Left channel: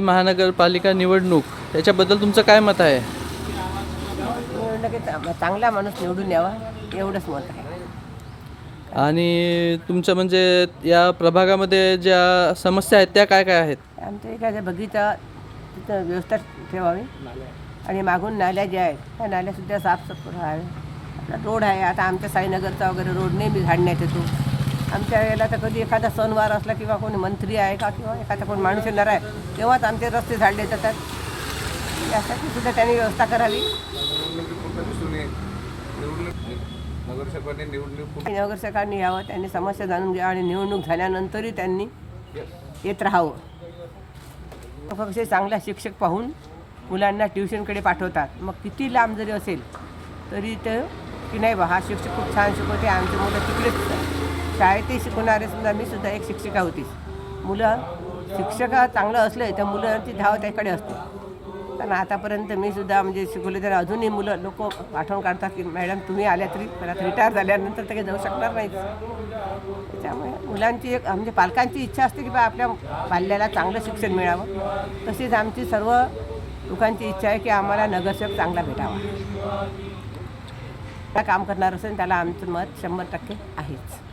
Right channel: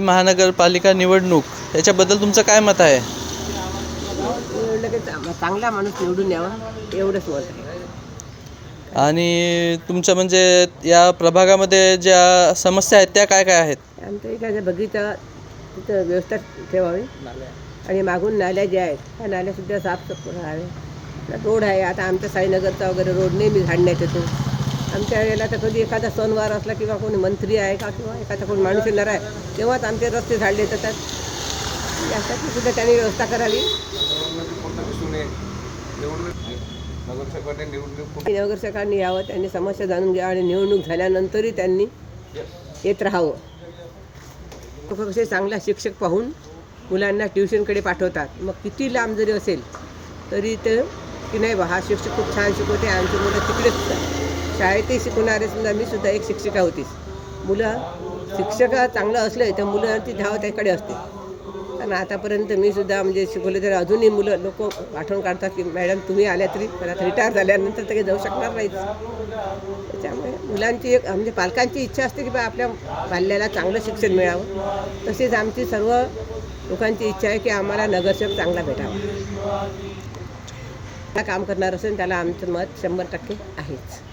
महानगरपालिका निवडणूक याच्याबद्दल तुमचं काय मत आहे? चांगला माणूस निवडून यावा एवढंच मत आहे. आणि तुमच्या म्हणजे या प्रभागामध्ये ज्या समस्या आहेत त्या काय काय आहेत? आमच्या इकडे बगीचा तिथं व्यवस्था ठेवावी आणि मागून नाल्या ज्या आहेत त्या नाल्यासुद्धा साफसफाई आहे. रोड आहे, आता आमच्या साईनगरचा वगैरे रोड नेहमी झाडण्यात येतो. आमच्या वेळेला तर कधी एखादा सणवार असला किंवा कोणी मंत्री आहे का किंवा एखादा कोणी माणूस येणार आहे तेव्हाच आमचे रस्ते झाडले जातात. यासाठी सुद्धा त्यांनी व्यवस्था करावी. नगरसेवकांनी यावं, त्यांनी समस्या जाणून घ्यावं आणि निवडणूक झाल्यानंतरही त्यांनी येत राहावं. कसे चांगला शिक्षक पाहून मुलांना ट्युशनकडे पाठवतात. मग किती लांब जरी असेल तरी ते की नाही बा हा शिक्षक खूप छान शिकवते, आमची मुलं तिकडेच शाळेतही शिकवणारे. समजा मी सुद्धा एक शिक्षिका होतीच. मुलं शिक्षक चांगलं असलं तर मुलांची धाव त्याकडे असते. कारण आतापर्यंत मी सुद्धा म्हणजे शिकवले तर अजूनही मुलं लोक आठवण काढतात की मॅडम तुम्ही आल्या तरी मला रिटायर झाल्यानंतर तर काही जाऊ शकणार नाहीत. त्याच्यामुळे मुलांची एक म्हणजे पालकांची इच्छा असते की बा आपल्या पाल्याला चांगलं शिक्षण मिळावं. तसेच आमची सर्व लोकांची इच्छा आहे की आम्हाला नगरसेवक चांगला भेटावा. काम करणार असेल त्याला आमचं मत 100% आहेच.